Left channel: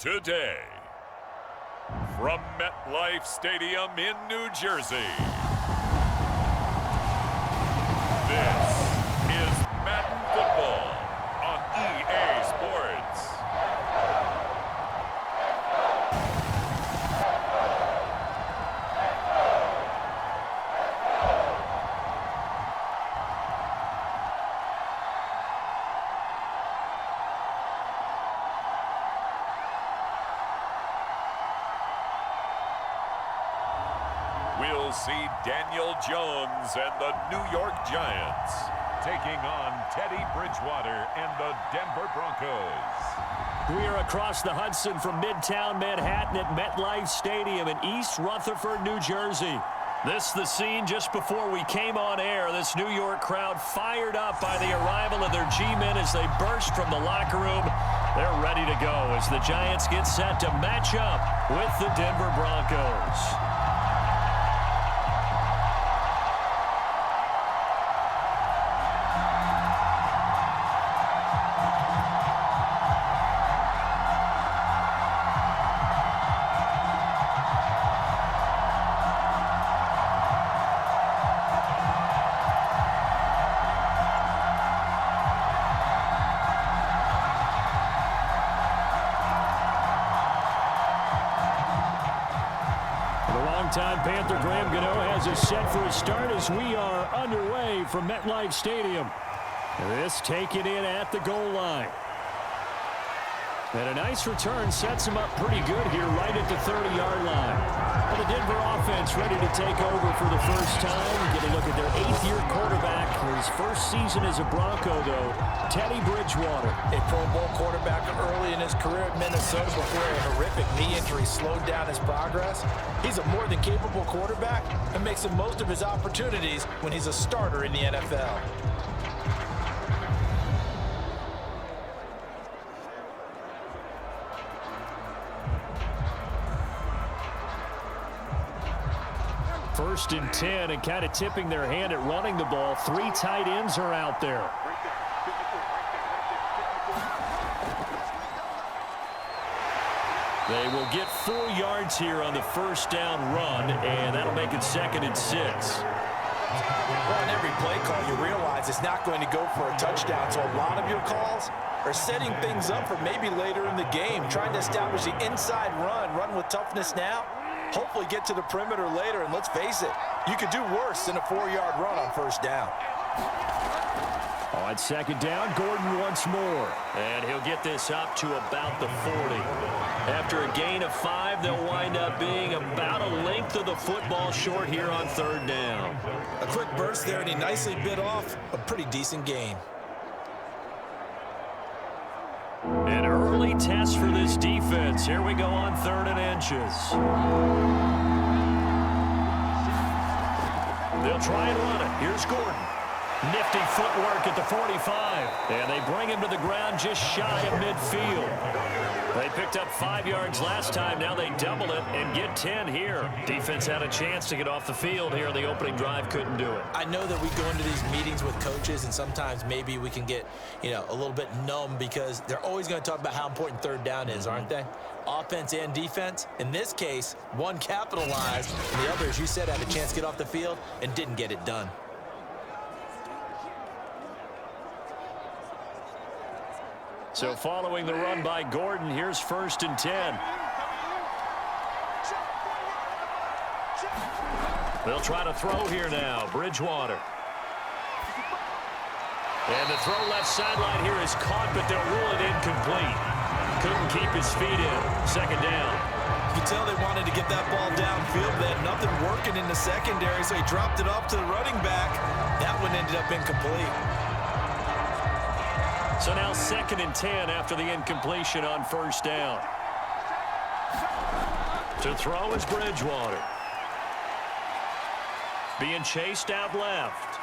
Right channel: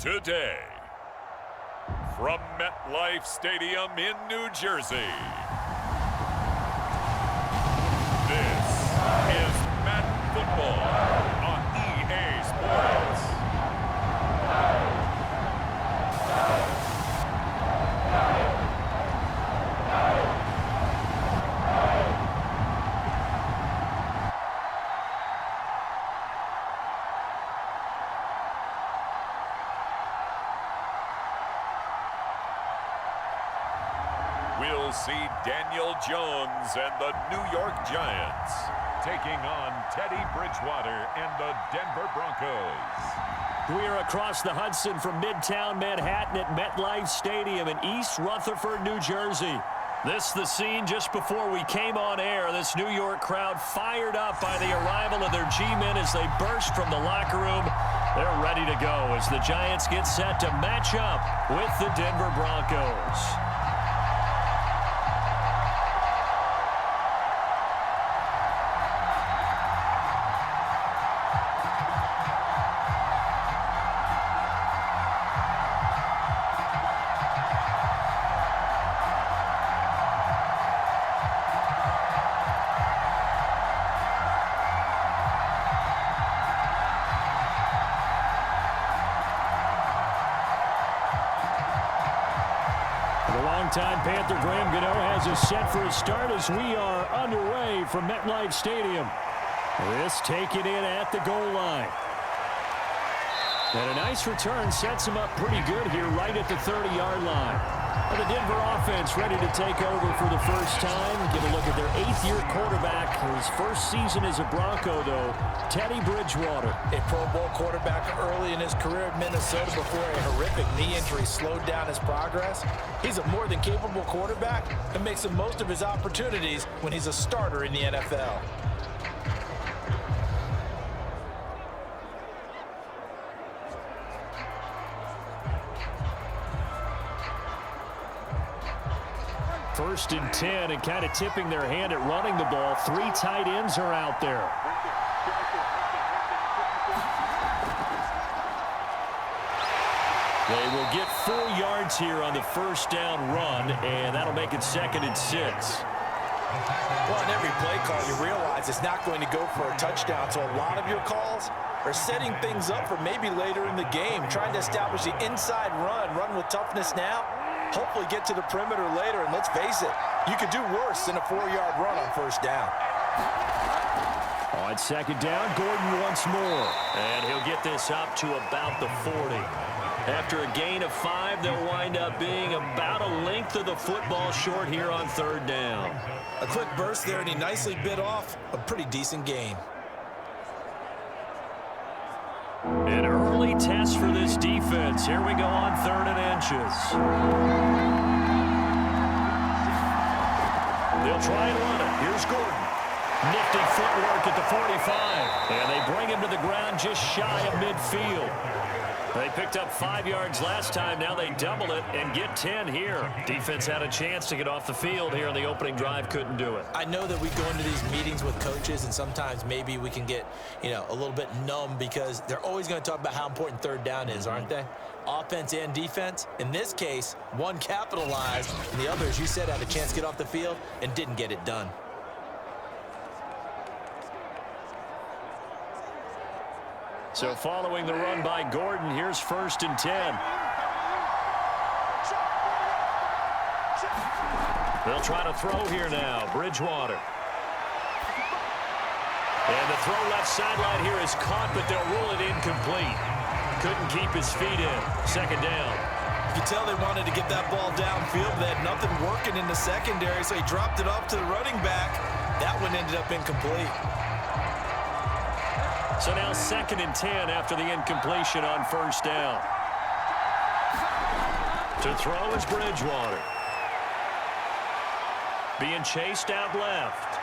Today, from MetLife Stadium in New Jersey, this is Madden Football on EA Sports. We'll see Daniel Jones and the New York Giants taking on Teddy Bridgewater and the Denver Broncos. We are across the Hudson from Midtown Manhattan at MetLife Stadium in East Rutherford, New Jersey. This is the scene just before we came on air. This New York crowd fired up by the arrival of their G-men as they burst from the locker room. They're ready to go as the Giants get set to match up with the Denver Broncos. Longtime Panther Graham Gano has us set for a start as we are underway from MetLife Stadium. This taken in at the goal line. And a nice return sets him up pretty good here right at the 30-yard line. And the Denver offense ready to take over for the first time. Get a look at their 8th-year quarterback. His first season as a Bronco, though, Teddy Bridgewater. A Pro Bowl quarterback early in his career at Minnesota before a horrific knee injury slowed down his progress. He's a more than capable quarterback and makes the most of his opportunities when he's a starter in the NFL. First and 10, and kind of tipping their hand at running the ball. 3 tight ends are out there. They will get 4 yards here on the first down run, and that'll make it 2nd and 6. Well, on every play call, you realize it's not going to go for a touchdown, so a lot of your calls are setting things up for maybe later in the game, trying to establish the inside run with toughness now, hopefully get to the perimeter later, and let's face it, you could do worse than a 4-yard run on first down. On 2nd down, Gordon once more, and he'll get this up to about the 40. After a gain of 5, they'll wind up being about a length of the football short here on 3rd down. A quick burst there, and he nicely bit off a pretty decent gain. An early test for this defense. Here we go on 3rd and inches. They'll try and run it. Here's Gordon. Nifty footwork at the 45. And they bring him to the ground just shy of midfield. They picked up 5 yards last time. Now they double it and get 10 here. Defense had a chance to get off the field here in the opening drive. Couldn't do it. I know that we go into these meetings with coaches, and sometimes maybe we can get, a little bit numb because they're always going to talk about how important 3rd down is, aren't they? Offense and defense. In this case, one capitalized, and the other, as you said, had a chance to get off the field and didn't get it done. So following the run by Gordon, here's 1st and 10. They'll try to throw here now. Bridgewater. And the throw left sideline here is caught, but they'll rule it incomplete. Couldn't keep his feet in. 2nd down. You can tell they wanted to get that ball downfield, but they had nothing working in the secondary, so he dropped it off to the running back. That one ended up incomplete. So now 2nd and 10 after the incompletion on 1st down. To throw is Bridgewater. Being chased out left.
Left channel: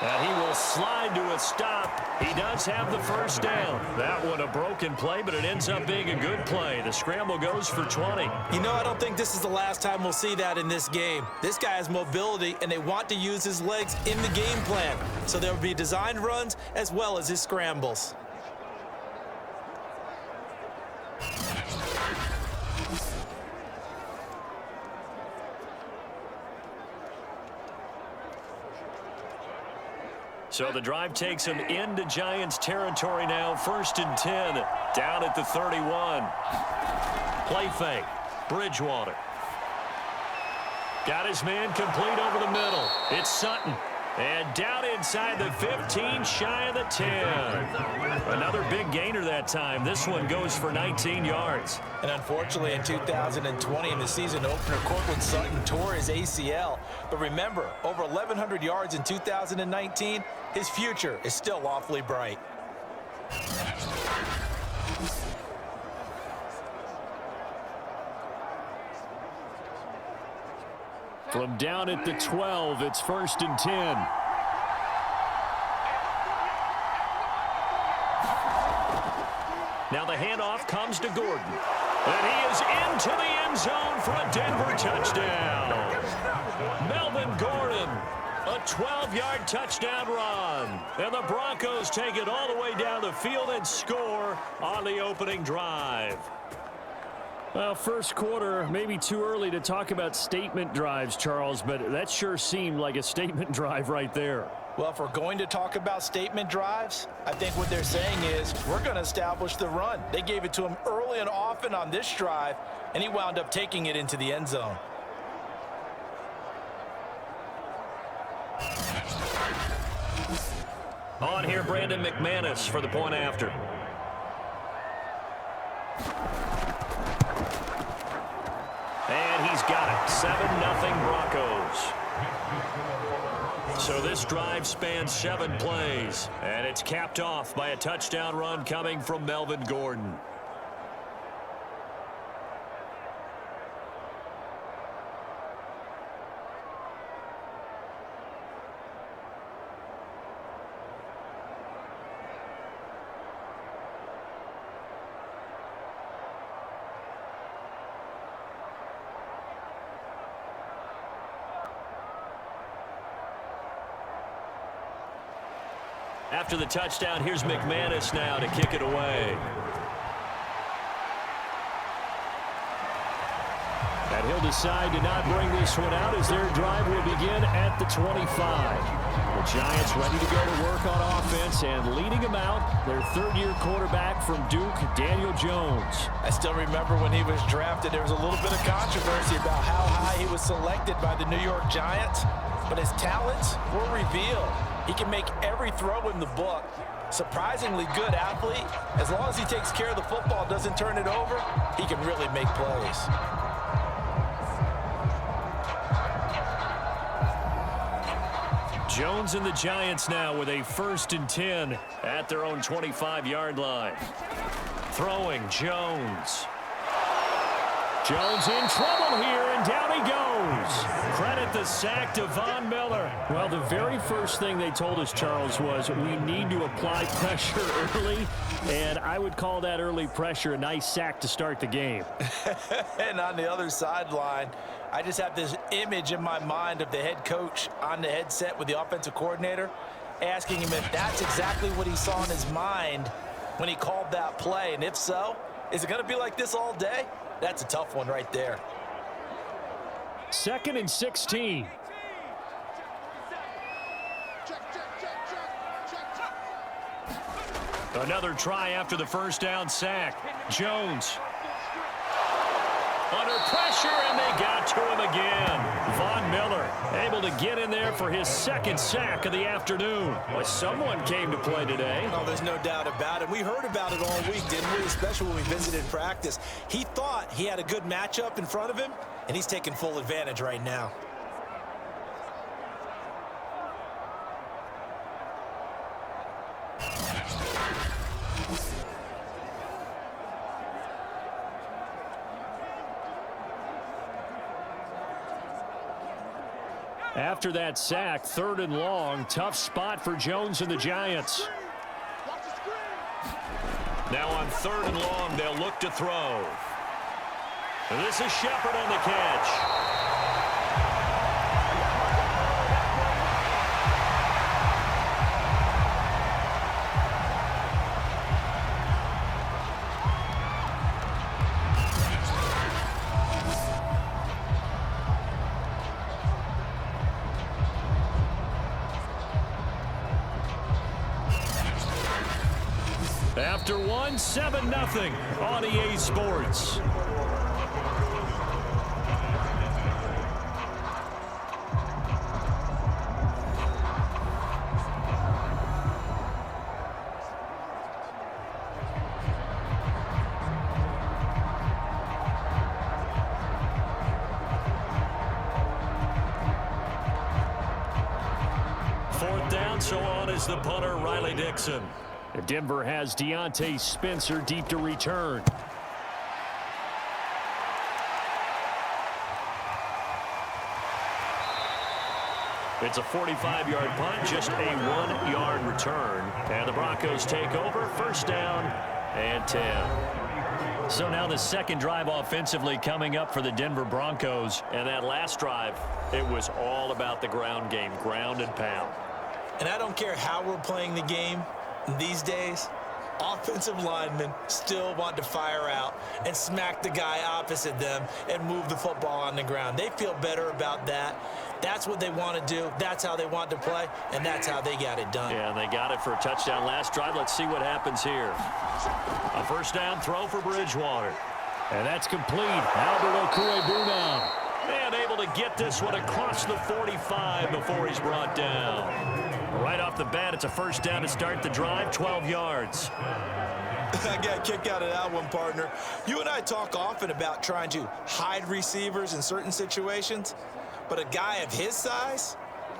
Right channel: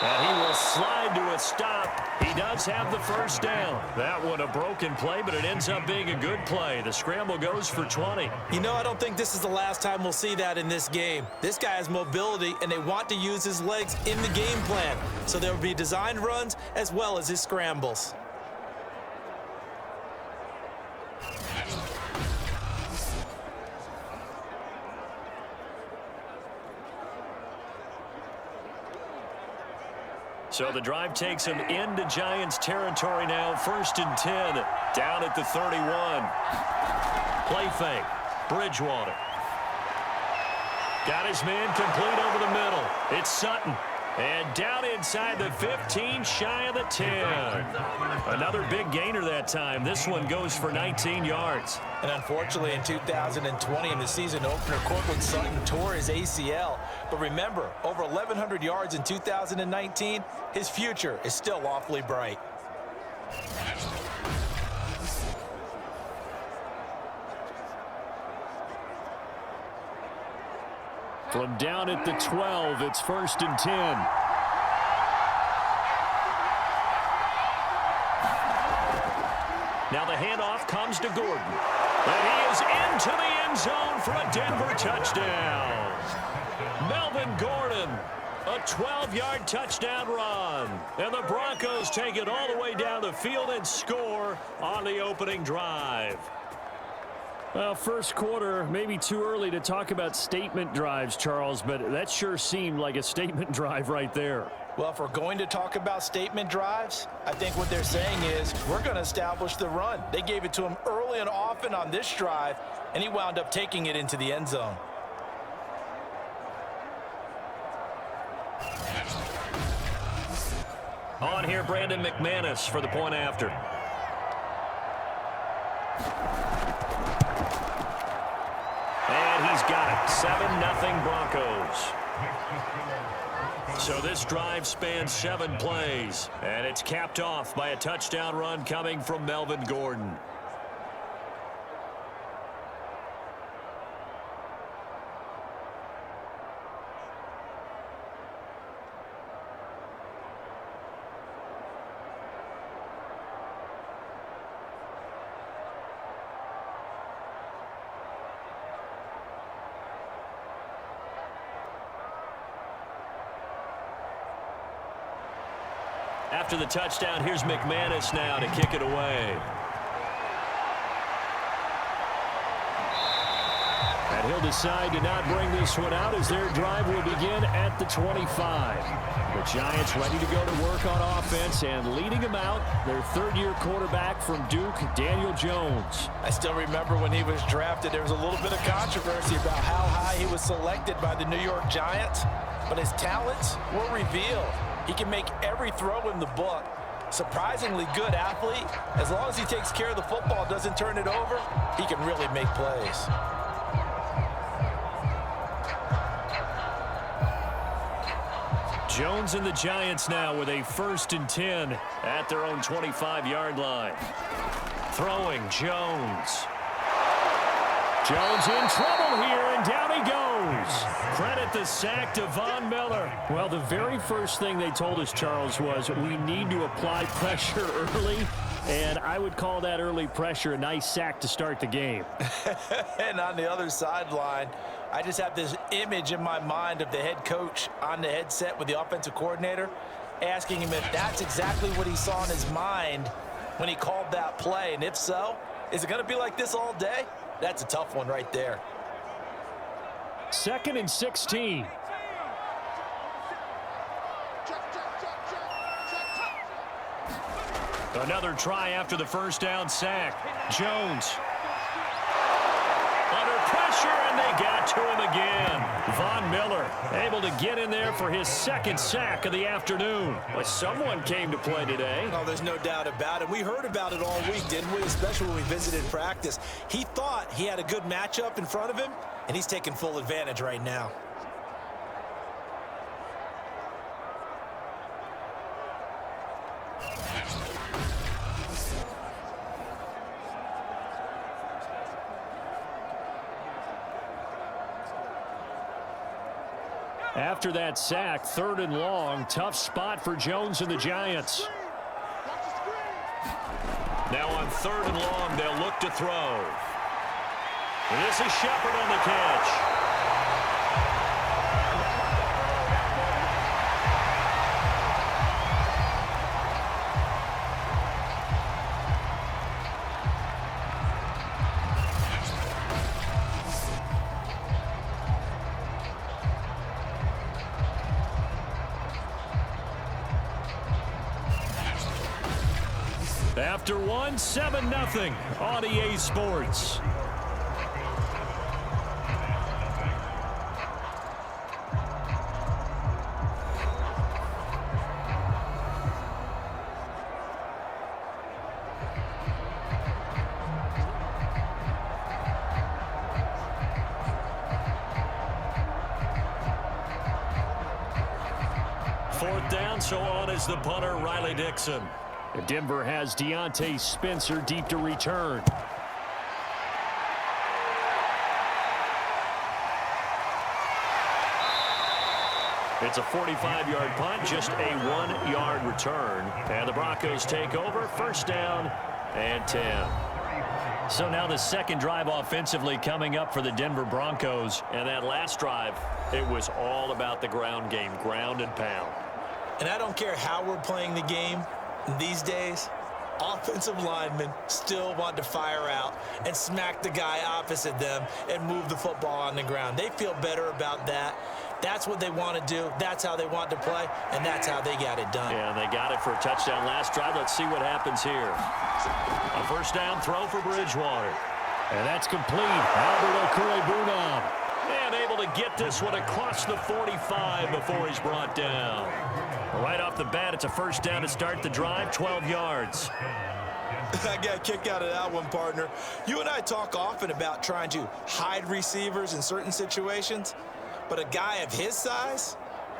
And he will slide to a stop. He does have the 1st down. That one a broken play, but it ends up being a good play. The scramble goes for 20. I don't think this is the last time we'll see that in this game. This guy has mobility, and they want to use his legs in the game plan. So there will be designed runs as well as his scrambles. So the drive takes him into Giants territory now. 1st and 10, down at the 31. Play fake. Bridgewater. Got his man complete over the middle. It's Sutton. And down inside the 15, shy of the 10. Another big gainer that time. This one goes for 19 yards. And unfortunately, in 2020, in the season opener, Cortland Sutton tore his ACL. But remember, over 1,100 yards in 2019, his future is still awfully bright. From down at the 12, it's 1st and 10. Now the handoff comes to Gordon. And he is into the end zone for a Denver touchdown. Melvin Gordon, a 12-yard touchdown run. And the Broncos take it all the way down the field and score on the opening drive. Well, first quarter, maybe too early to talk about statement drives, Charles, but that sure seemed like a statement drive right there. Well, if we're going to talk about statement drives, I think what they're saying is we're going to establish the run. They gave it to him early and often on this drive, and he wound up taking it into the end zone. On here, Brandon McManus for the point after. And he's got it. 7-0 Broncos. So this drive spans 7 plays, and it's capped off by a touchdown run coming from Melvin Gordon. After the touchdown, here's McManus now to kick it away. And he'll decide to not bring this one out as their drive will begin at the 25. The Giants ready to go to work on offense, and leading them out, their third-year quarterback from Duke, Daniel Jones. I still remember when he was drafted, there was a little bit of controversy about how high he was selected by the New York Giants, but his talents were revealed. He can make every throw in the book. Surprisingly good athlete. As long as he takes care of the football, doesn't turn it over, he can really make plays. Jones and the Giants now with a 1st and 10 at their own 25-yard line. Throwing Jones. Jones in trouble here, and down he goes. Credit the sack to Von Miller. Well, the very first thing they told us, Charles, was we need to apply pressure early, and I would call that early pressure a nice sack to start the game. And on the other sideline, I just have this image in my mind of the head coach on the headset with the offensive coordinator asking him if that's exactly what he saw in his mind when he called that play. And if so, is it going to be like this all day? That's a tough one right there. 2nd and 16. Another try after the first down sack. Jones under pressure, and they got to him again. Von Miller able to get in there for his 2nd sack of the afternoon. Well, someone came to play today. Oh, there's no doubt about it. We heard about it all week, didn't we? Especially when we visited practice. He thought he had a good matchup in front of him, and he's taking full advantage right now. After that sack, 3rd and long, tough spot for Jones and the Giants. Now on 3rd and long, they'll look to throw. This is Shepard on the catch. After one, 7-0 on EA Sports. Fourth down, so on is the punter, Riley Dixon. Denver has Deontay Spencer deep to return. It's a 45-yard punt, just a 1-yard return. And the Broncos take over, first down and 10. So now the second drive offensively coming up for the Denver Broncos. And that last drive, it was all about the ground game, ground and pound. And I don't care how we're playing the game these days, offensive linemen still want to fire out and smack the guy opposite them and move the football on the ground. They feel better about that. That's what they want to do. That's how they want to play, and that's how they got it done. Yeah, and they got it for a touchdown last drive. Let's see what happens here. A first down throw for Bridgewater. And that's complete. Albert Okwuegbunam. And able to get this one across the 45 before he's brought down. Right off the bat, it's a first down to start the drive, 12 yards. I got a kick out of that one, partner. You and I talk often about trying to hide receivers in certain situations, but a guy of his size,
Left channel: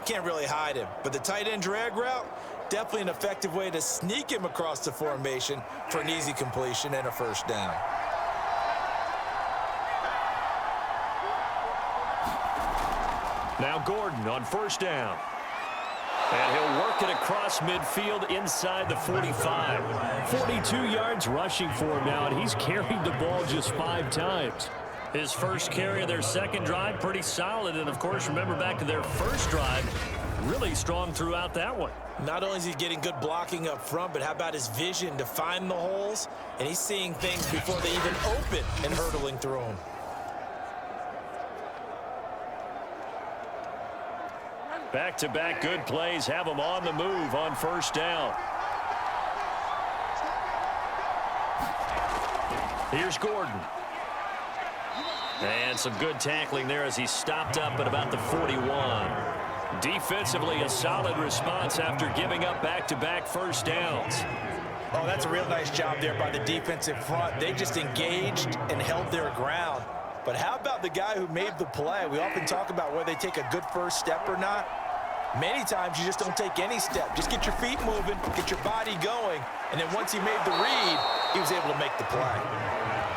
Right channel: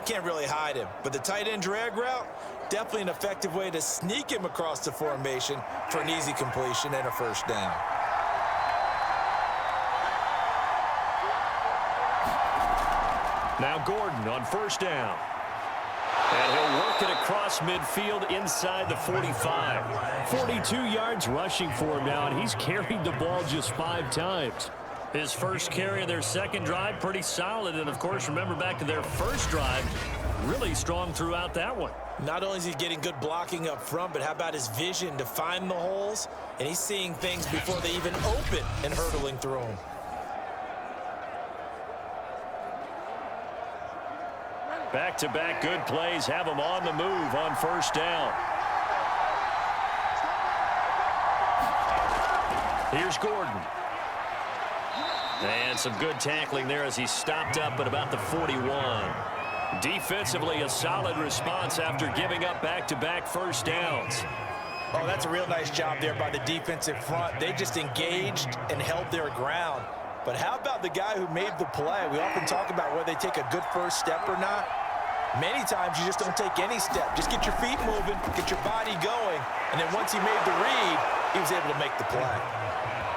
can't really hide him. But the tight end drag route, definitely an effective way to sneak him across the formation for an easy completion and a first down. Now Gordon on first down. And he'll work it across midfield inside the 45. 42 yards rushing for him now, and he's carried the ball just 5 times. His first carry of their second drive, pretty solid. And, of course, remember back to their first drive, really strong throughout that one. Not only is he getting good blocking up front, but how about his vision to find the holes? And he's seeing things before they even open and hurtling through them. Back-to-back good plays have him on the move on first down. Here's Gordon. And some good tackling there as he stopped up at about the 41. Defensively, a solid response after giving up back-to-back first downs. Oh, that's a real nice job there by the defensive front. They just engaged and held their ground. But how about the guy who made the play? We often talk about whether they take a good first step or not. Many times you just don't take any step. Just get your feet moving, get your body going, and then once he made the read, he was able to make the play.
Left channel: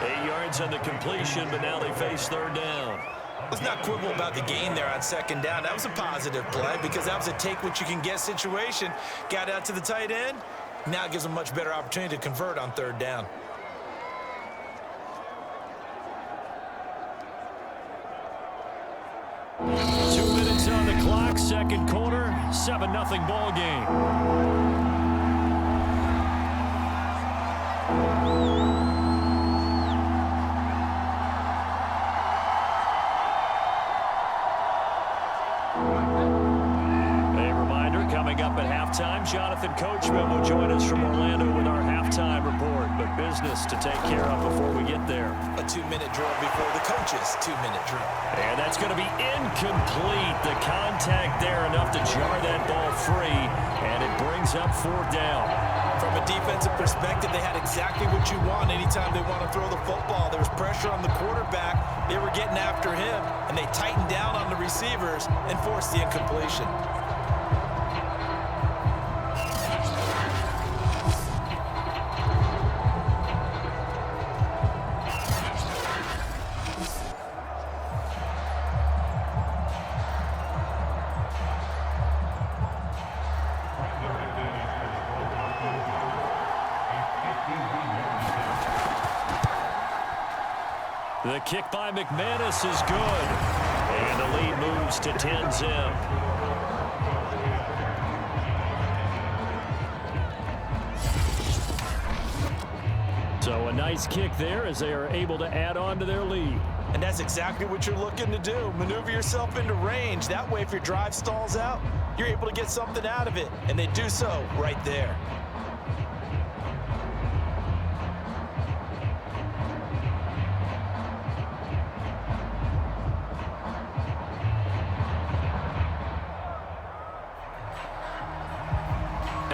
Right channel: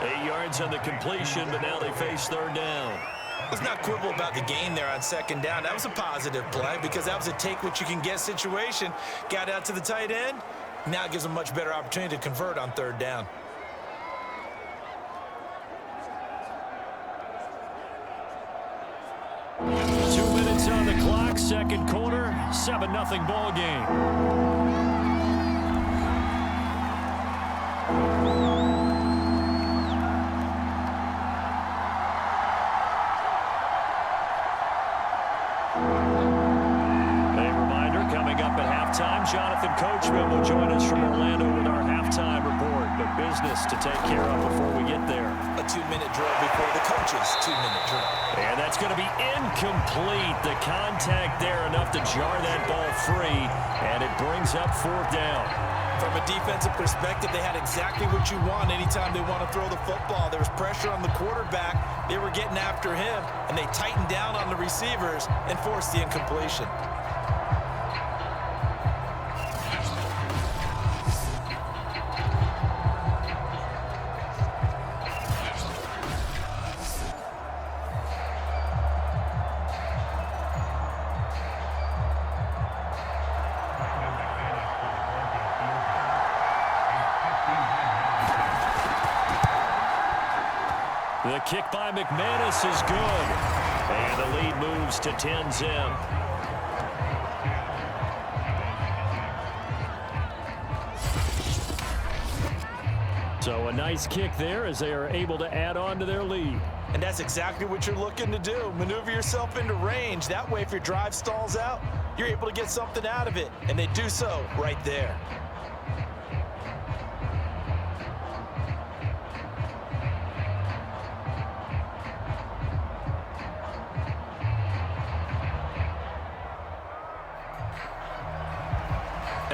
8 yards on the completion, but now they face third down. Let's not quibble about the gain there on second down. That was a positive play because that was a take-what-you-can-get situation. Got out to the tight end. Now it gives them a much better opportunity to convert on third down. On the clock, second quarter, 7-0 ball game. A reminder, coming up at halftime, Jonathan Coachman will join us from Orlando with our halftime report, but business to take care of before we get there. A 2-minute drill before the coach's 2-minute drill. And that's going to be incomplete. The contact there enough to jar that ball free, and it brings up fourth down. From a defensive perspective, they had exactly what you want anytime they want to throw the football. There was pressure on the quarterback. They were getting after him, and they tightened down on the receivers and forced the incompletion. The kick by McManus is good. And the lead moves to 10-zip. So a nice kick there as they are able to add on to their lead. And that's exactly what you're looking to do. Maneuver yourself into range. That way, if your drive stalls out, you're able to get something out of it. And they do so right there.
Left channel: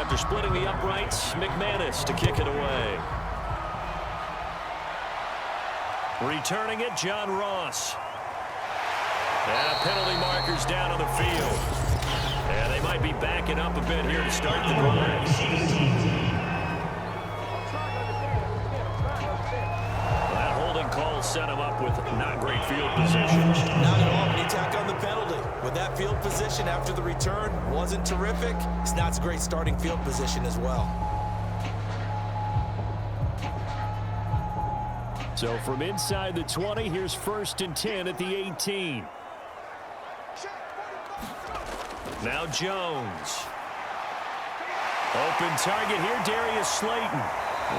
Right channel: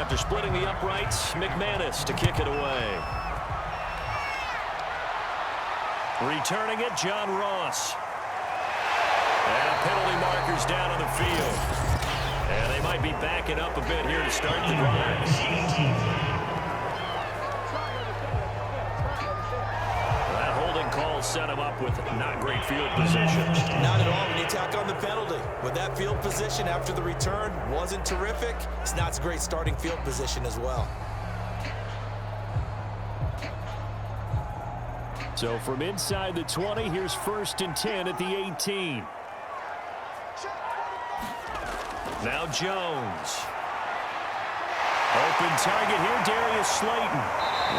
After splitting the uprights, McManus to kick it away. Returning it, John Ross. And a penalty marker's down on the field. And they might be backing up a bit here to start the drive. That holding call set him up with not great field position. Not at all when you tack on the penalty. With that field position after the return wasn't terrific, it's not a great starting field position as well. So from inside the 20, here's 1st and 10 at the 18. Now Jones. Open target here, Darius Slayton.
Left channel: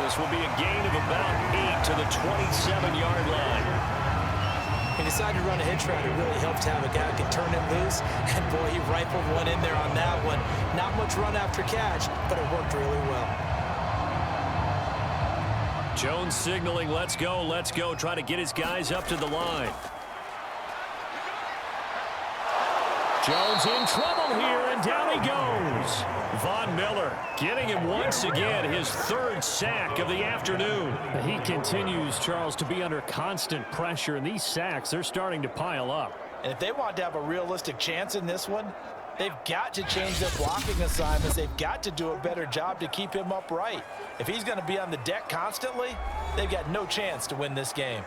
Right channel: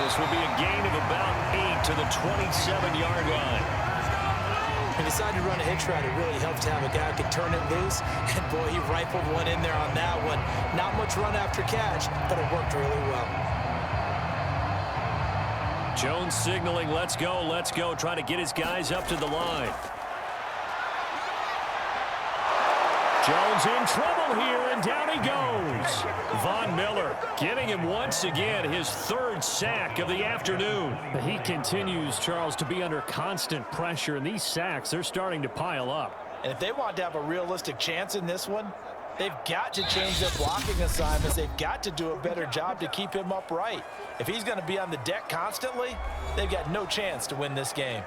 This will be a gain of about 8 to the 27-yard line. He decided to run a hitch route. It really helped to have a guy who could turn it loose. And, boy, he rifled one in there on that one. Not much run after catch, but it worked really well. Jones signaling, let's go, trying to get his guys up to the line. Jones in trouble here, and down he goes. Von Miller getting him once again, his 3rd sack of the afternoon. He continues, Charles, to be under constant pressure, and these sacks, they're starting to pile up. And if they want to have a realistic chance in this one, they've got to change their blocking assignments. They've got to do a better job to keep him upright. If he's going to be on the deck constantly, they've got no chance to win this game.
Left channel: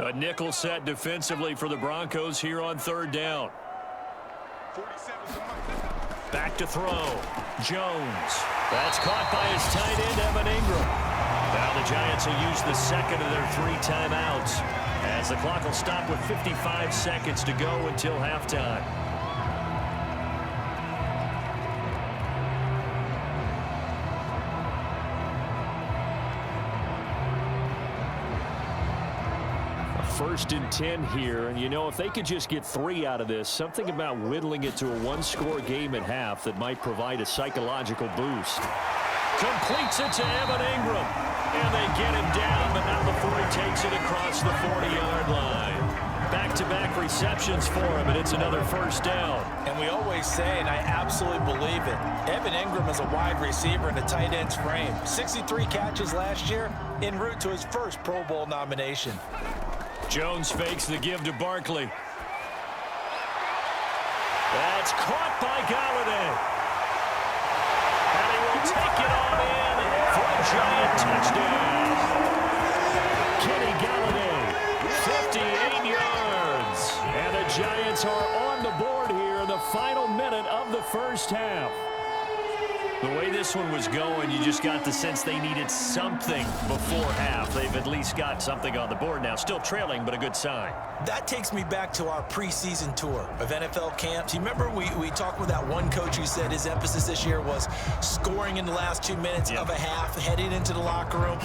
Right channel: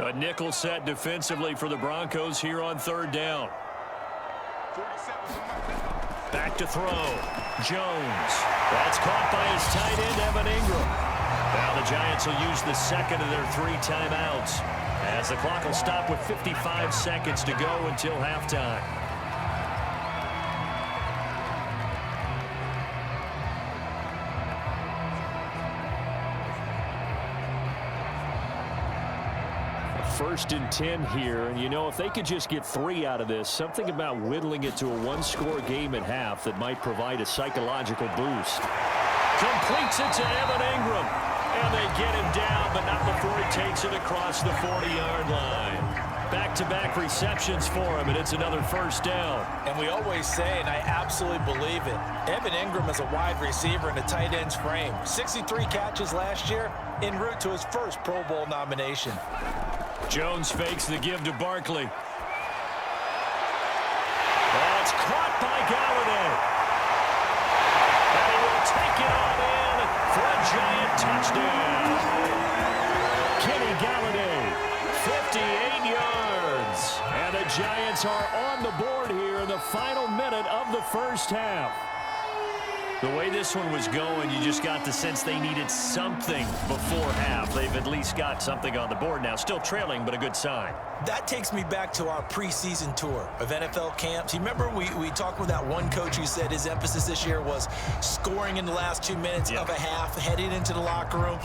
A nickel set defensively for the Broncos here on 3rd down. Back to throw. Jones. That's caught by his tight end, Evan Ingram. Now the Giants will use the 2nd of their 3 timeouts, as the clock will stop with 55 seconds to go until halftime. First and 10 here, and you know, if they could just get 3 out of this, something about whittling it to a 1-score game at half that might provide a psychological boost. Completes it to Evan Ingram, and they get him down, but not before he takes it across the 40-yard line. Back-to-back receptions for him, and it's another 1st down. And we always say, and I absolutely believe it, Evan Ingram is a wide receiver in a tight end's frame. 63 catches last year, en route to his first Pro Bowl nomination. Jones fakes the give to Barkley. That's caught by Galladay. And he will take it on in for a Giant touchdown. Kenny Galladay, 58 yards. And the Giants are on the board here in the final minute of the 1st half. The way this one was going, you just got the sense they needed something before half. They've at least got something on the board now. Still trailing, but a good sign. That takes me back to our preseason tour of NFL camps. You remember we talked with that one coach who said his emphasis this year was scoring in the last 2 minutes of a half, heading into the locker room.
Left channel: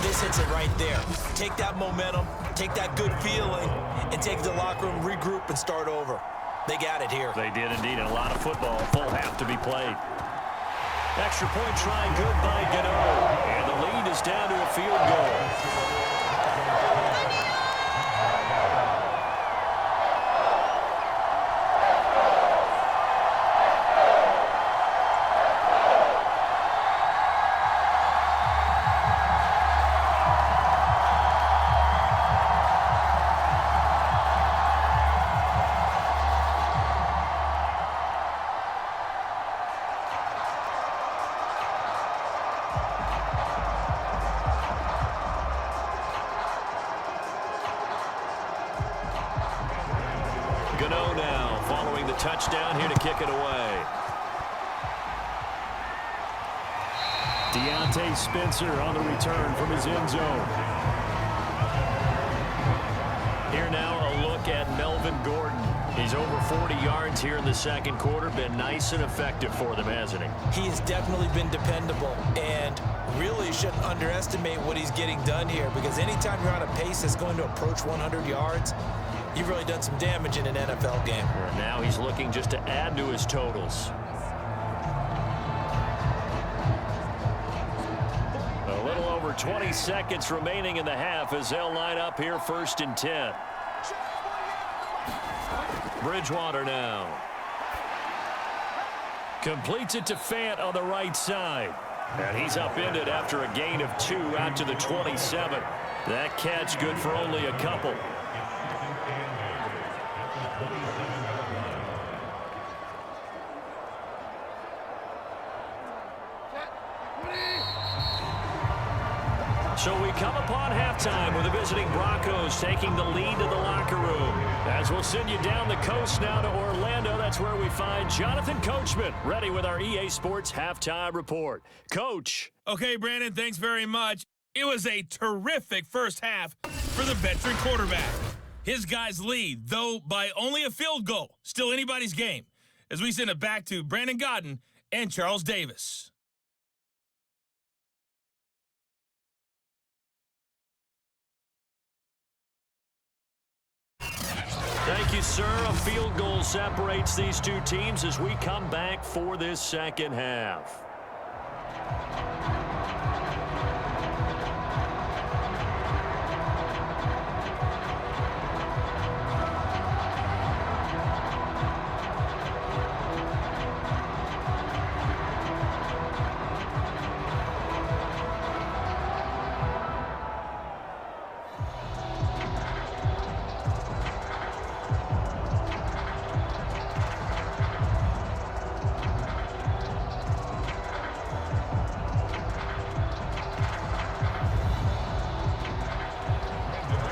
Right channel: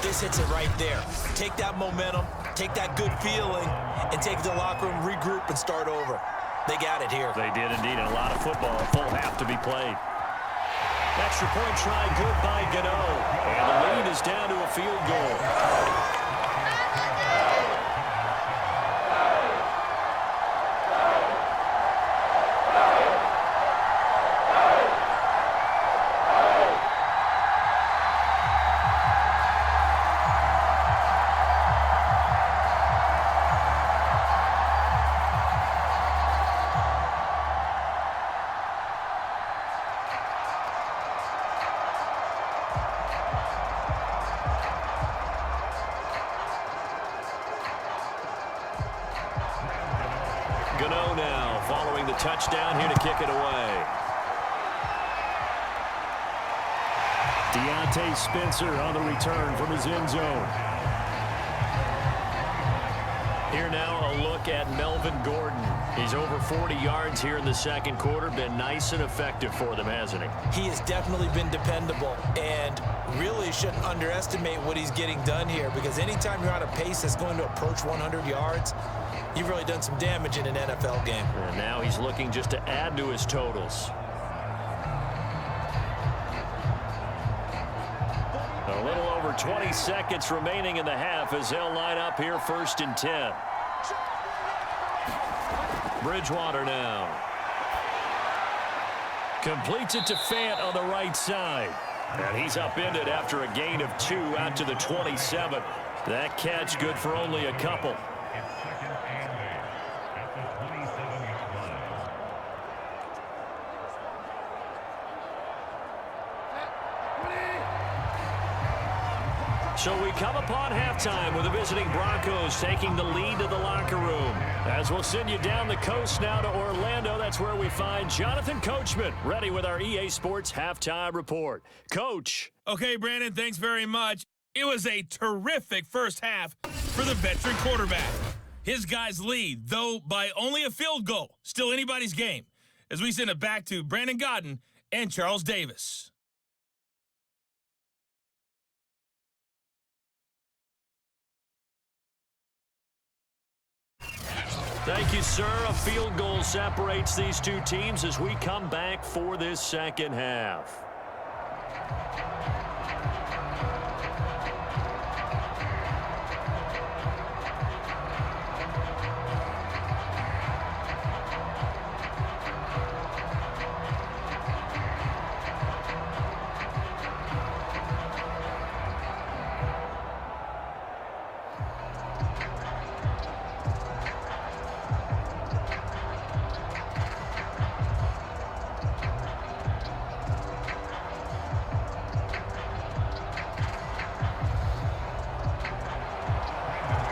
This hits it right there. Take that momentum, take that good feeling, and take it to the locker room, regroup, and start over. They got it here. They did indeed. And a lot of football, full half to be played. Extra point try good by Gano. And the lead is down to a field goal. Gano now following the touchdown here to kick it away. Deontay Spencer on the return from his end zone. Here now a look at Melvin Gordon. He's over 40 yards here in the second quarter. Been nice and effective for them, hasn't he? He has definitely been dependable, and really shouldn't underestimate what he's getting done here, because anytime you're on a pace that's going to approach 100 yards, you've really done some damage in an NFL game. And now he's looking just to add to his totals. A over 20 seconds remaining in the half as they'll line up here 1st and 10. Bridgewater now. Completes it to Fant on the right side. And he's upended after a gain of 2 out to the 27. That catch good for only a couple. So we come upon halftime with the visiting Broncos taking the lead to the locker room. As we'll send you down the coast now to Orlando, that's where we find Jonathan Coachman, ready with our EA Sports Halftime Report. Coach. Okay, Brandon, thanks very much. It was a terrific first half for the veteran quarterback. His guys lead, though by only a field goal. Still anybody's game. As we send it back to Brandon Godden and Charles Davis. Thank you, sir. A field goal separates these two teams as we come back for this second half.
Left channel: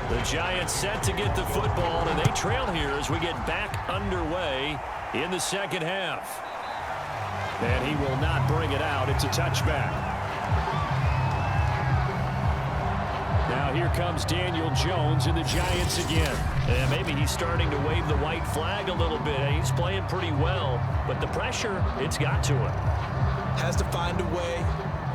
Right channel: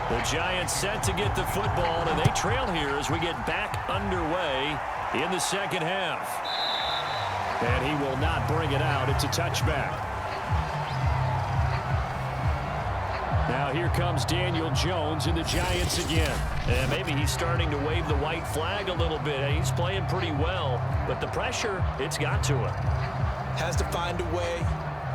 The Giants set to get the football, and they trail here as we get back underway in the second half. And he will not bring it out. It's a touchback. Now here comes Daniel Jones and the Giants again. And maybe he's starting to wave the white flag a little bit. He's playing pretty well, but the pressure, it's got to him. Has to find a way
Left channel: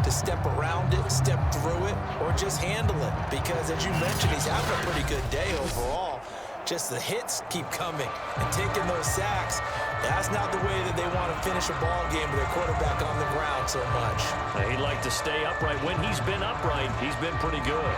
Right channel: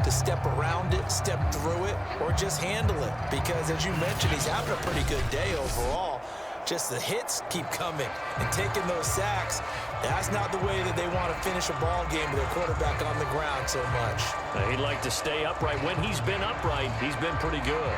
to step around it, step through it, or just handle it. Because as you mentioned, he's having a pretty good day overall. Just the hits keep coming and taking those sacks. That's not the way that they want to finish a ball game with their quarterback on the ground so much. He'd like to stay upright. When he's been upright, he's been pretty good.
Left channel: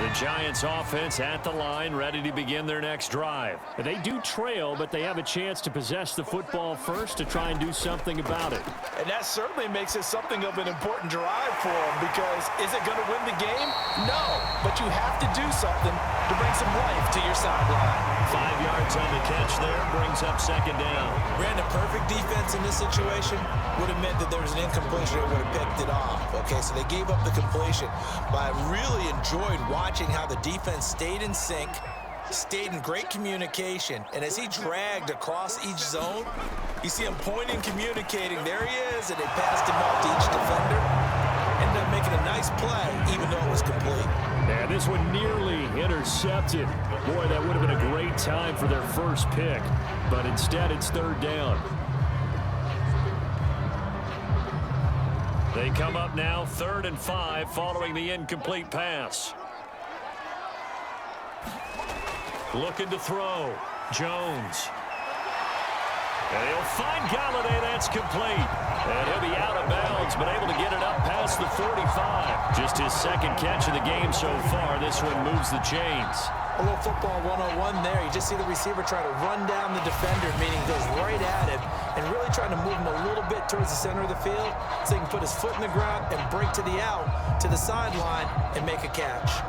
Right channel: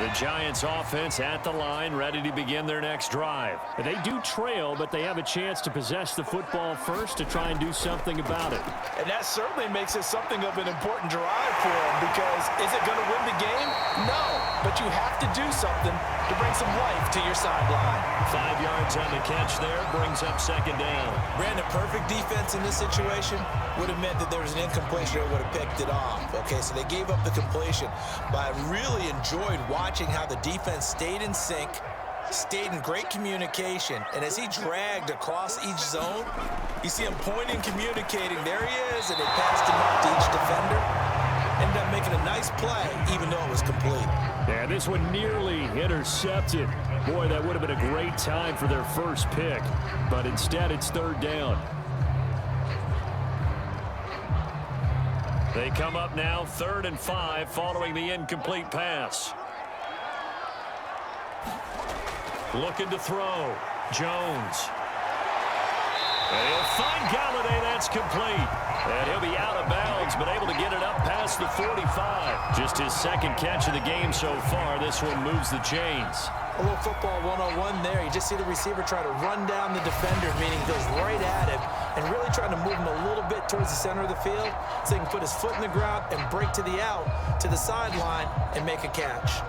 The Giants offense at the line, ready to begin their next drive. They do trail, but they have a chance to possess the football first to try and do something about it. And that certainly makes it something of an important drive for them, because is it going to win the game? No, but you have to do something to bring some life to your sideline. 5 yards on the catch there, brings up second down. Brandon, perfect defense in this situation would have meant that there was an incompletion. They would have picked it off. Okay, so they gave up the completion, but I really enjoyed watching how the defense stayed in sync, stayed in great communication, and as he dragged across each zone, you see him pointing, communicating. There he is, and they passed him off to each defender. Ended up making a nice play, even though it was complete. And this one nearly intercepted. Boy, that would have been a great time for their first pick, but instead it's third down. They come up now 3rd and 5 following the incomplete pass. Looking to throw. Jones. And he'll find Galladay. That's complete. And he'll be out of bounds, but able to get it up past the 45. Just his second catch of the game so far. This one moves the chains. A little football 101 there. You just see the receiver try to run down the defender, meaning he goes right at him, and really trying to move him a little bit towards the center of the field so he can put his foot in the ground and break to the out, to the sideline, and make a catch.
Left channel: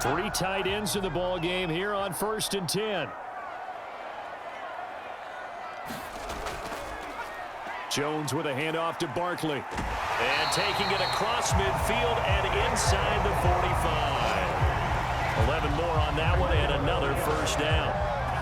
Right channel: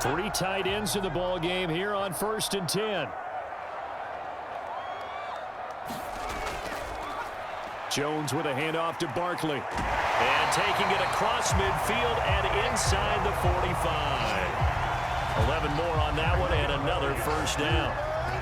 Three tight ends in the ball game here on 1st and 10. Jones with a handoff to Barkley. And taking it across midfield and inside the 45. 11 more on that one and another first down.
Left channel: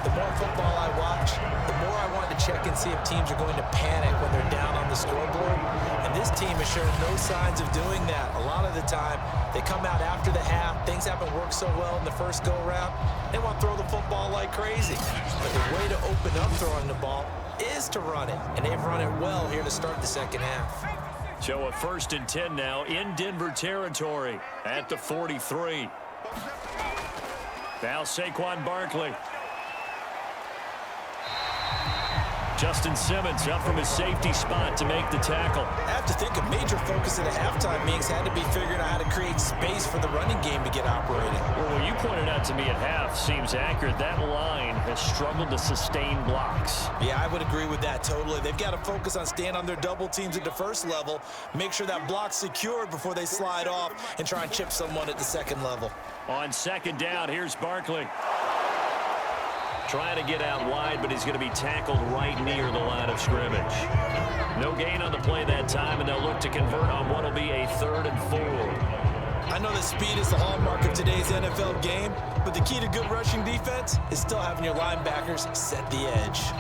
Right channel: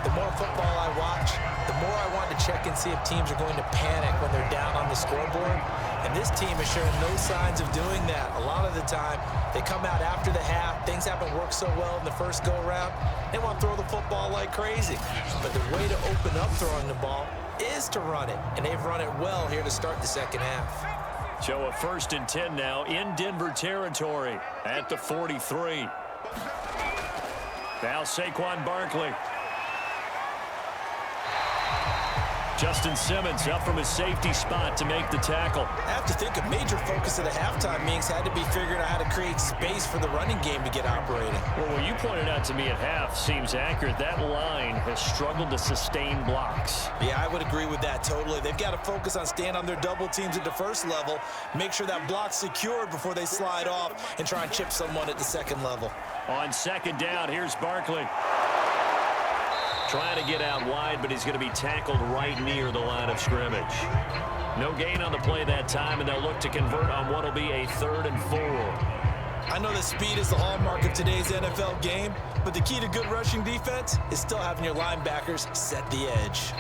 The more football I watch, the more I want to check and see if teams are going to panic when they're down on the scoreboard. And this team is showing no signs of doing that. A lot of the time, they come out after the half. Things haven't worked so well in the first go-around. They want to throw the football like crazy. But the way to open up throwing the ball is to run it. And they've run it well here to start the second half. So a 1st and 10 now in Denver territory at the 43. Now Saquon Barkley. Justin Simmons up from his safety spot to make the tackle. I have to think a major focus of the halftime meetings had to be figuring out how to create space for the running game to get operating. Well, what you pointed out to me at half seems accurate. That line has struggled to sustain blocks. Yeah, I would agree with that totally. They've got to focus on staying on their double teams at the first level, make sure that block's secured before they slide off and try and chip someone at the second level. On second down, here's Barkley. Trying to get out wide, but he's going to be tackled right near the line of scrimmage. No gain on the play that time, and they'll look to convert on what will be a 3rd and 4. I know that speed is the hallmark of today's NFL game, but the key to good rushing defense is still having your linebackers set the edge.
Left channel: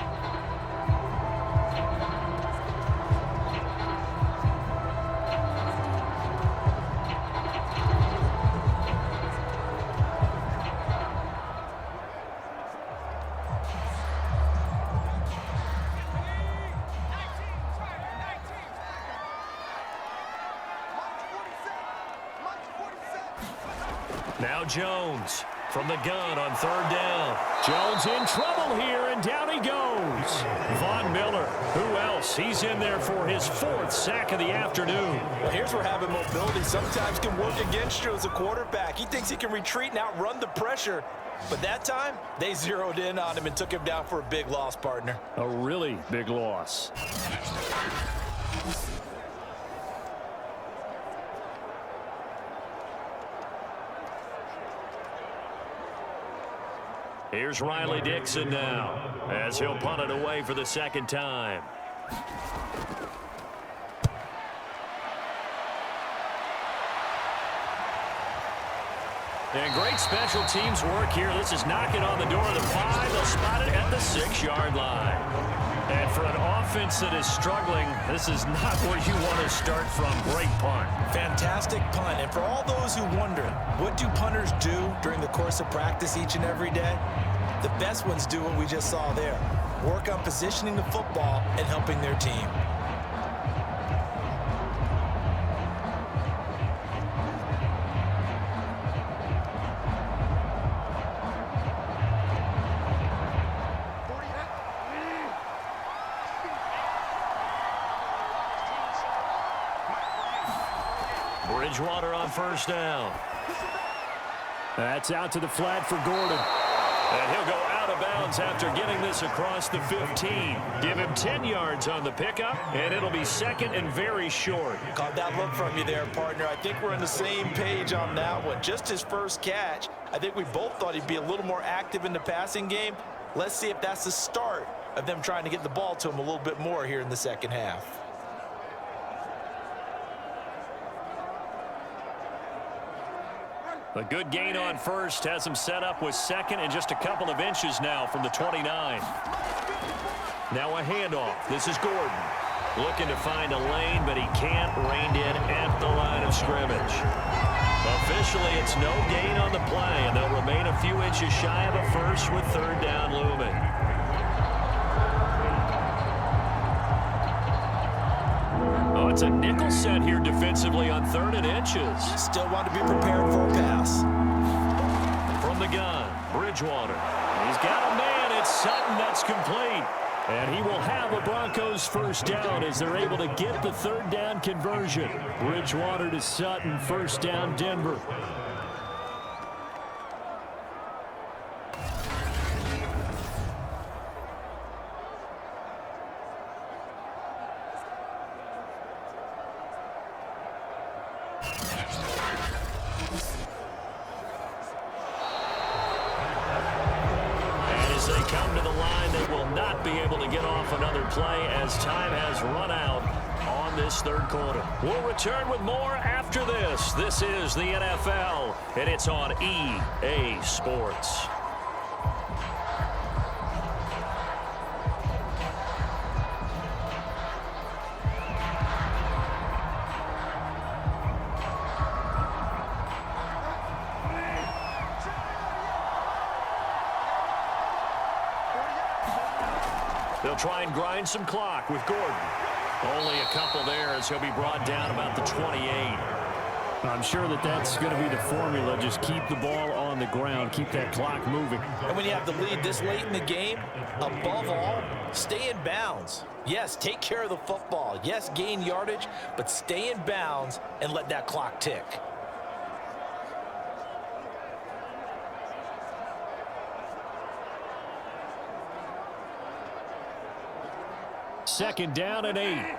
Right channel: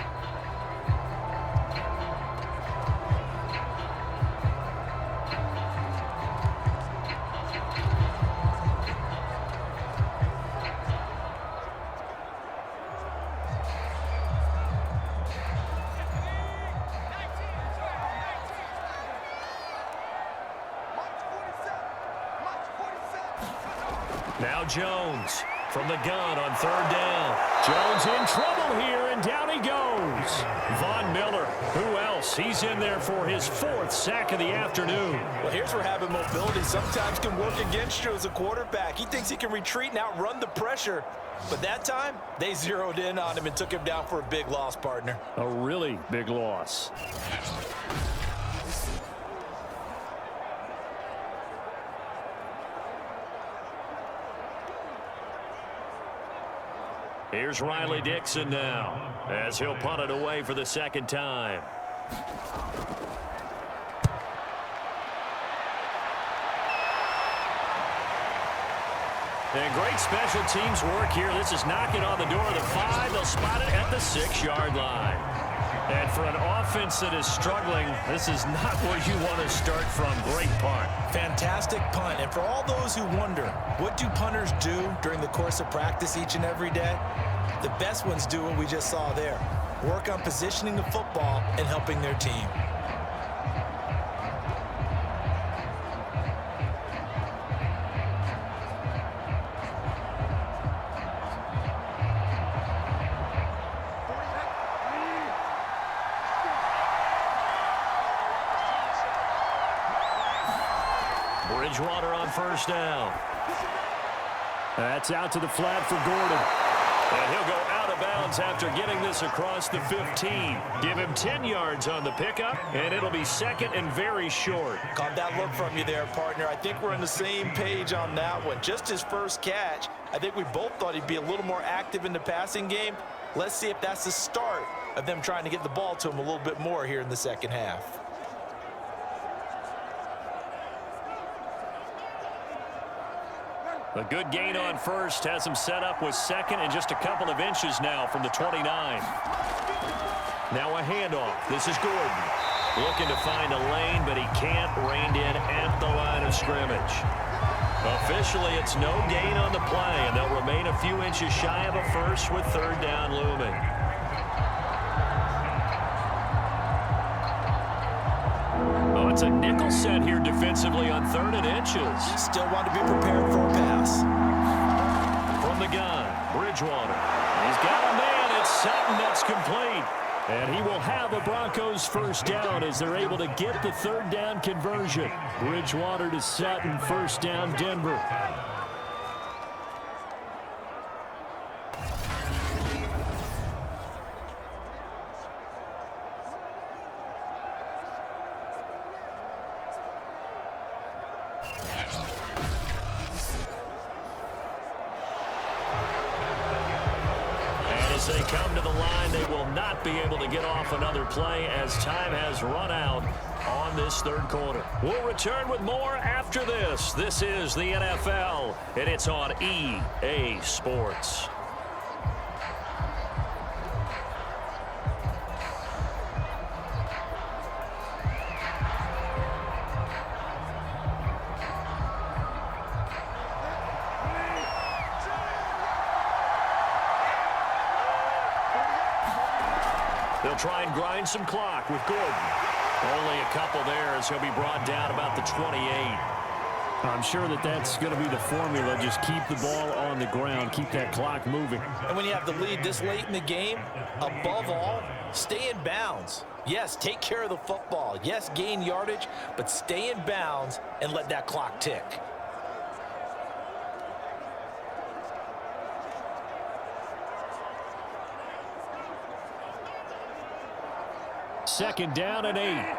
Now Jones from the gun on 3rd down. Jones in trouble here, and down he goes. Von Miller, who else? He's in there for his 4th sack of the afternoon. Well, here's where having mobility sometimes can work against you as a quarterback. He thinks he can retreat and outrun the pressure. But that time, they zeroed in on him and took him down for a big loss, partner. A really big loss. Here's Riley Dixon now, as he'll punt it away for the 2nd time. And great special teams work here. This is knocking on the door of the 5. They'll spot it at the 6-yard line. And for an offense that is struggling, this is not where you want to start from. Great punt. Fantastic punt. And for all those who wonder, what do punters do during the course of practice each and every day? The best ones do what we just saw there. Work on positioning the football and helping their team. Bridgewater on 1st down. That's out to the flat for Gordon. And he'll go out of bounds after getting this across the 15. Give him 10 yards on the pickup, and it'll be 2nd and very short. Caught that look from you there, partner. I think we're on the same page on that one. Just his first catch. I think we both thought he'd be a little more active in the passing game. Let's see if that's the start of them trying to get the ball to him a little bit more here in the second half. A good gain on 1st has him set up with 2nd and just a couple of inches now from the 29. Now a handoff. This is Gordon. Looking to find a lane, but he can't. Reined in at the line of scrimmage. Officially, it's no gain on the play, and they'll remain a few inches shy of a 1st with 3rd down looming. Oh, it's a nickel set here defensively on 3rd and inches. Still want to be prepared for a pass. From the gun, Bridgewater. He's got a man. It's Sutton. That's complete. And he will have a Broncos 1st down as they're able to get the 3rd down conversion. Bridgewater to Sutton, 1st down Denver. They come to the line. They will not be able to get off another play as time has run out on this 3rd quarter. We'll return with more after this. This is the NFL, and it's on EA Sports. They'll try and grind some clock with Gordon. Only a couple there as he'll be brought down about the 28. I'm sure that's going to be the formula. Just keep the ball on the ground, keep that clock moving. And when you have the lead this late in the game, above all, stay in bounds. Yes, take care of the football. Yes, gain yardage, but stay in bounds and let that clock tick. Second down and 8.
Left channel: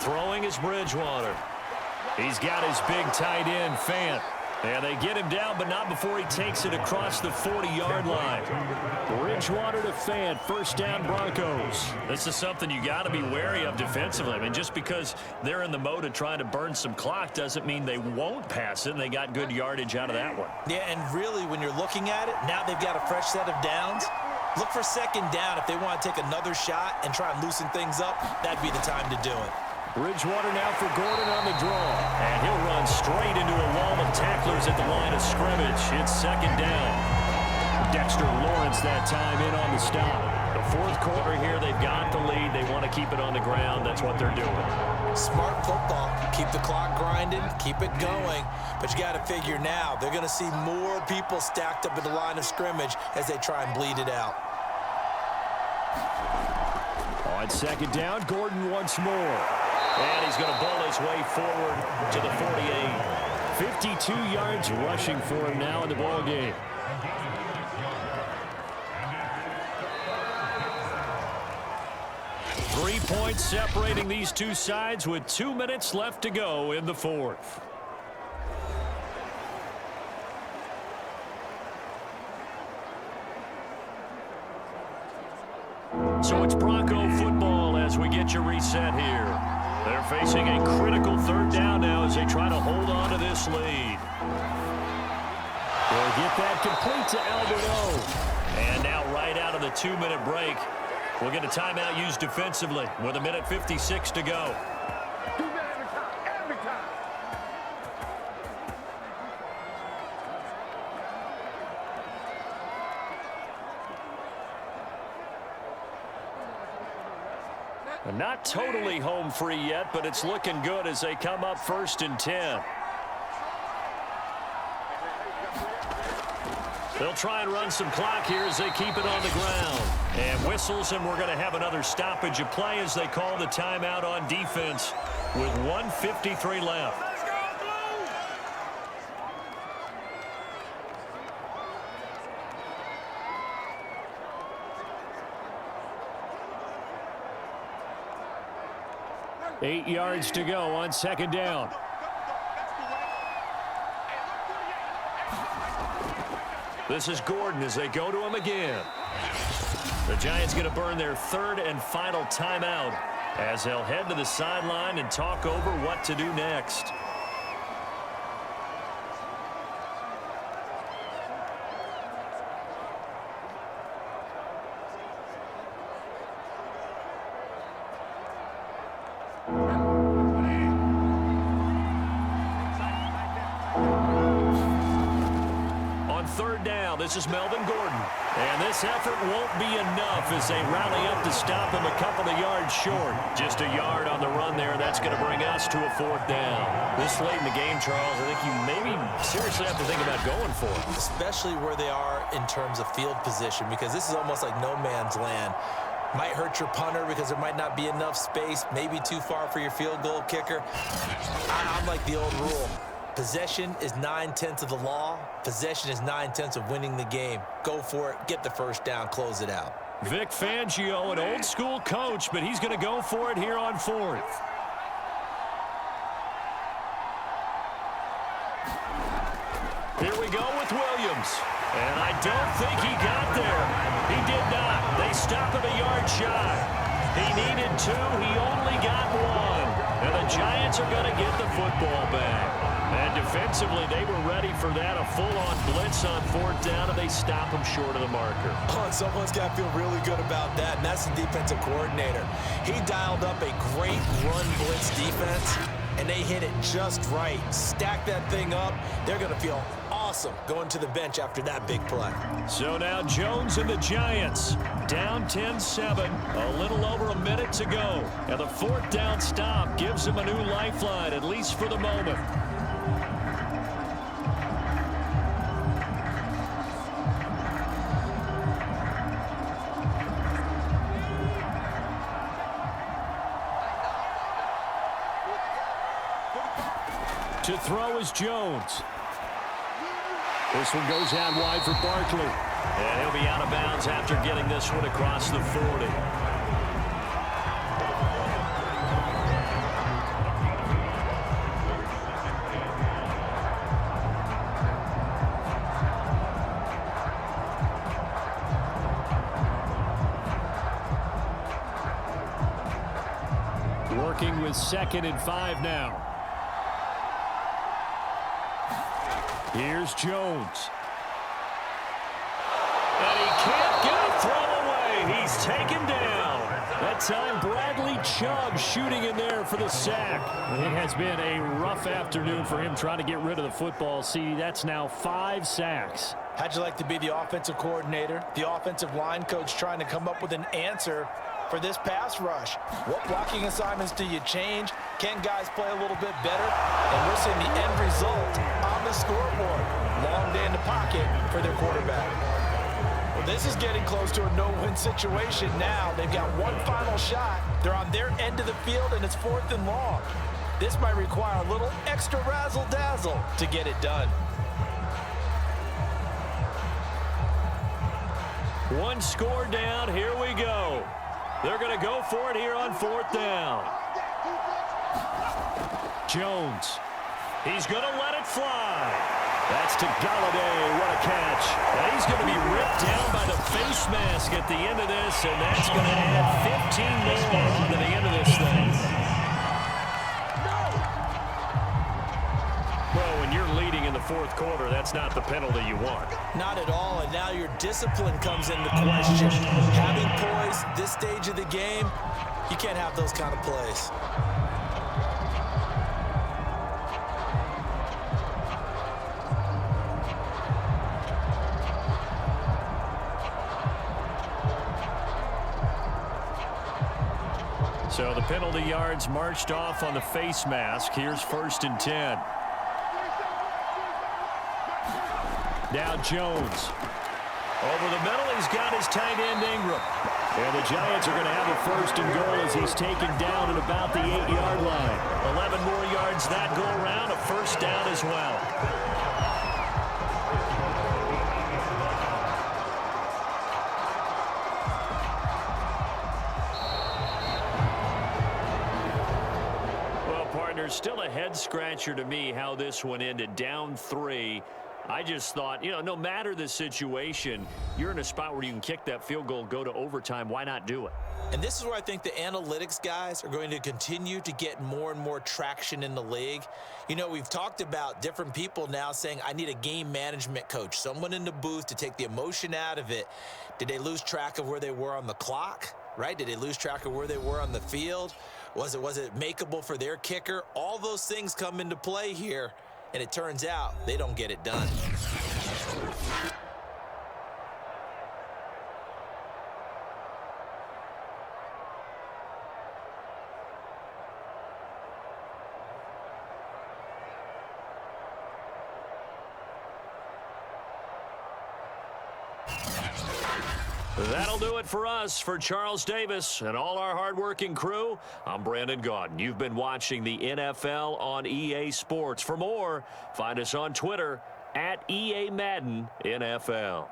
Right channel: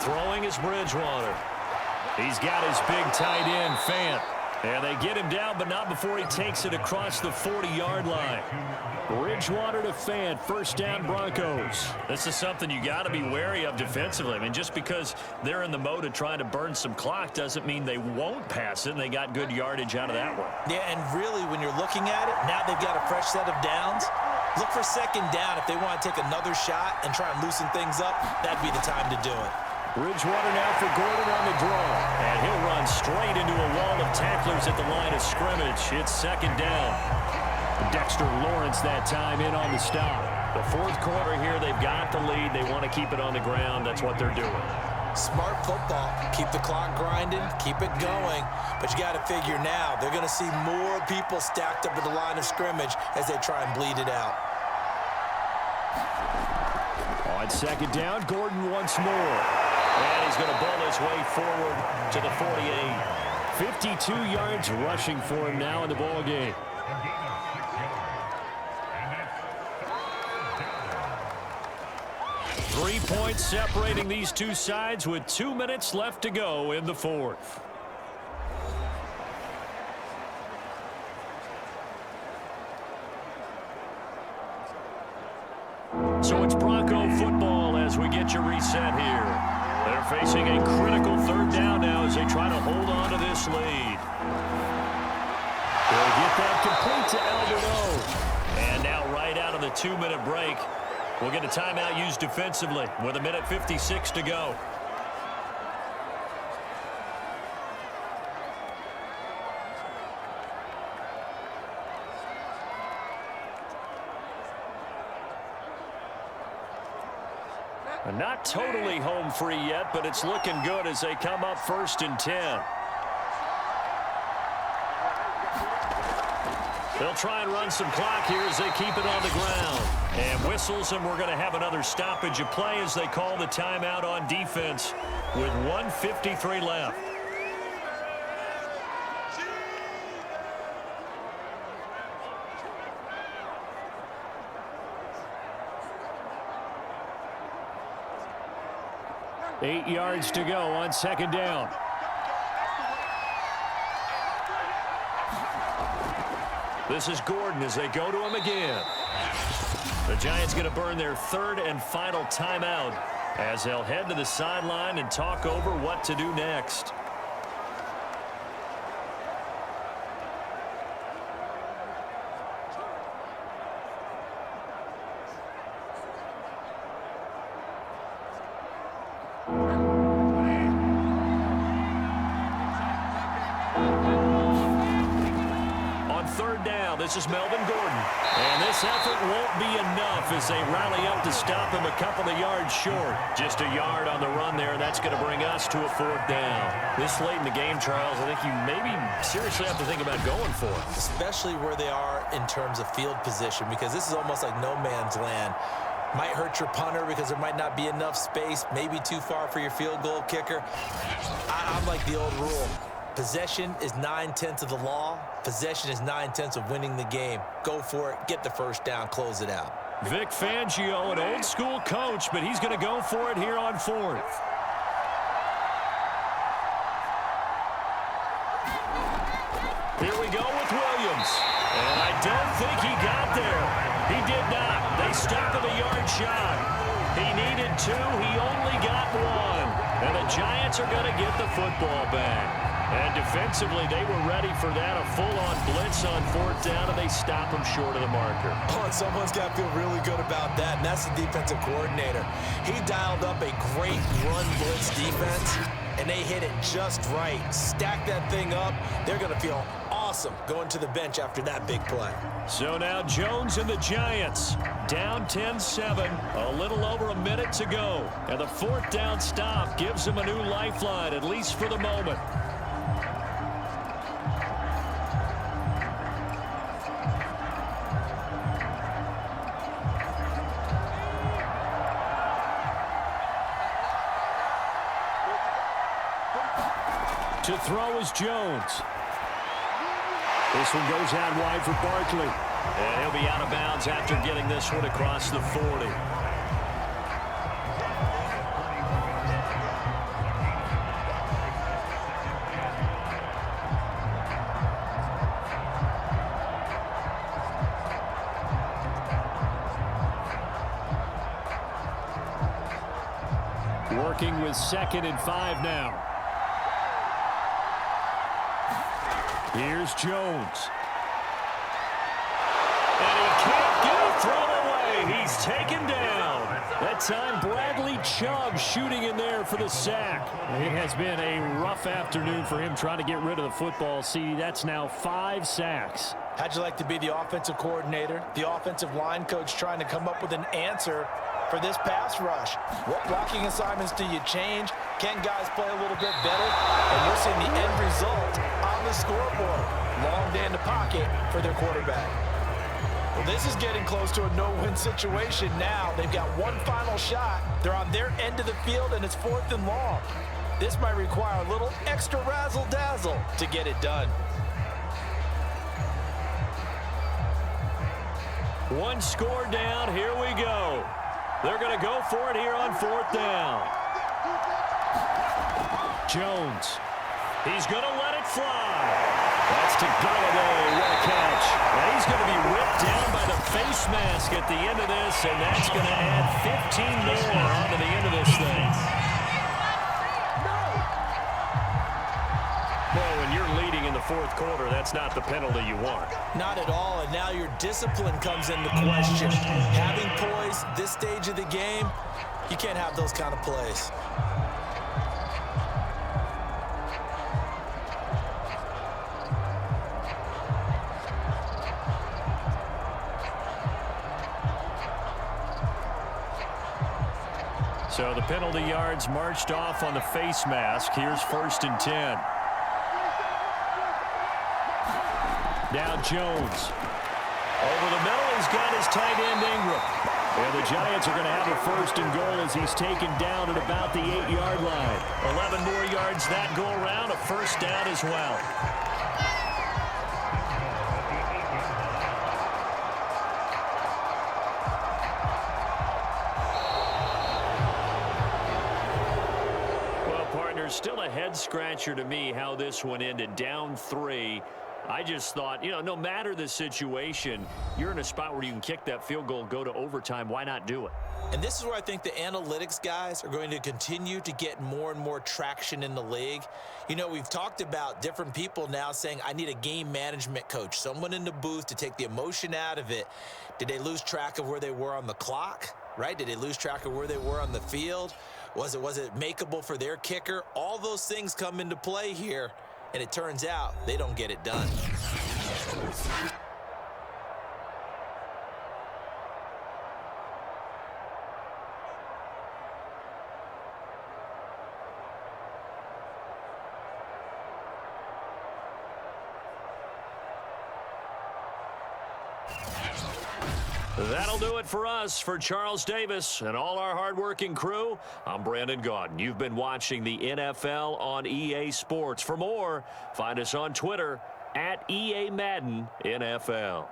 Throwing is Bridgewater. He's got his big tight end, Fant. And they get him down, but not before he takes it across the 40-yard line. Bridgewater to Fant, first down Broncos. This is something you got to be wary of defensively. I mean, just because they're in the mode of trying to burn some clock doesn't mean they won't pass it, and they got good yardage out of that one. Yeah, and really, when you're looking at it, now they've got a fresh set of downs. Look for second down if they want to take another shot and try and loosen things up. That'd be the time to do it. Bridgewater now for Gordon on the draw. And he'll run straight into a wall of tacklers at the line of scrimmage. It's second down. Dexter Lawrence that time in on the stop. The fourth quarter here, they've got the lead. They want to keep it on the ground. That's what they're doing. Smart football. Keep the clock grinding. Keep it going. But you got to figure now, they're going to see more people stacked up at the line of scrimmage as they try and bleed it out. On second down, Gordon once more. And he's going to bowl his way forward to the 48. 52 yards rushing for him now in the ball game. Three points separating these two sides with 2 minutes left to go in the fourth. So it's Bronco football as we get you reset here. They're facing a critical third down now as they try to hold on to this lead. They'll get that complete to Alberto. And now right out of the 2-minute break, we'll get a timeout used defensively with 1:56 to go. Not totally home free yet, but it's looking good as they come up 1st and 10. They'll try and run some clock here as they keep it on the ground. And whistles, and we're going to have another stoppage of play as they call the timeout on defense with 1:53 left. Eight yards to go on second down. This is Gordon as they go to him again. The Giants going to burn their third and final timeout as they'll head to the sideline and talk over what to do next. This is Melvin Gordon. And this effort won't be enough as they rally up to stop him a couple of yards short. Just a yard on the run there. That's going to bring us to a 4th down. This late in the game, Charles, I think you maybe seriously have to think about going for it. Especially where they are in terms of field position, because this is almost like no man's land. Might hurt your punter because there might not be enough space, maybe too far for your field goal kicker. I'm like the old rule. Possession is 9/10 of the law. Possession is 9/10 of winning the game. Go for it. Get the first down. Close it out. Vic Fangio, an old-school coach, but he's going to go for it here on 4th. Here we go with Williams. And I don't think he got there. He did not. They stop him a yard shy. He needed 2. He only got 1. And the Giants are going to get the football back. And defensively, they were ready for that, a full-on blitz on 4th down, and they stop him short of the marker. Oh, and someone's got to feel really good about that, and that's the defensive coordinator. He dialed up a great run blitz defense, and they hit it just right. Stack that thing up. They're going to feel awesome awesome going to the bench after that big play. So now Jones and the Giants down 10-7, a little over a minute to go. And the fourth down stop gives them a new lifeline, at least for the moment. To throw is Jones. This one goes out wide for Barkley. And he'll be out of bounds after getting this one across the 40. Working with 2nd and 5 now. Here's Jones. And he can't get a throw away. He's taken down. That time Bradley Chubb shooting in there for the sack. It has been a rough afternoon for him trying to get rid of the football. See, that's now 5 sacks. How'd you like to be the offensive coordinator, the offensive line coach trying to come up with an answer for this pass rush? What blocking assignments do you change? Can guys play a little bit better? And we're seeing the end result on the scoreboard. Long day in the pocket for their quarterback. Well, this is getting close to a no-win situation now. They've got one final shot. They're on their end of the field, and it's 4th and long. This might require a little extra razzle-dazzle to get it done. One score down. Here we go. They're going to go for it here on 4th down. Jones. He's going to let it fly. That's to Galladay. What a catch. And he's going to be ripped down by the face mask at the end of this, and that's going to add 15 more onto the end of this thing. Well, when you're leading in the 4th quarter, that's not the penalty you want. Not at all, and now your discipline comes into question. Having poise this stage of the game, you can't have those kind of plays. So the penalty yards marched off on the face mask. Here's 1st and 10. Now Jones. Over the middle, he's got his tight end Ingram. And the Giants are going to have a 1st and goal as he's taken down at about the 8-yard line. 11 more yards that go around, a 1st down as well. Still a head-scratcher to me how this one ended, down 3. I just thought, no matter the situation, you're in a spot where you can kick that field goal, go to overtime. Why not do it? And this is where I think the analytics guys are going to continue to get more and more traction in the league. We've talked about different people now saying, I need a game management coach, someone in the booth to take the emotion out of it. Did they lose track of where they were on the clock, right? Did they lose track of where they were on the field? Was it makeable for their kicker? All those things come into play here, and it turns out they don't get it done. That'll do it for us. For Charles Davis and all our hardworking crew, I'm Brandon Gaudin. You've been watching the NFL on EA Sports. For more, find us on Twitter at EA Madden NFL.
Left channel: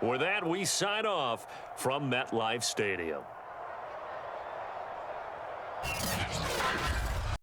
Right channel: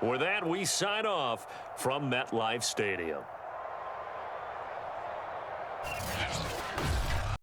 With that, we sign off from MetLife Stadium.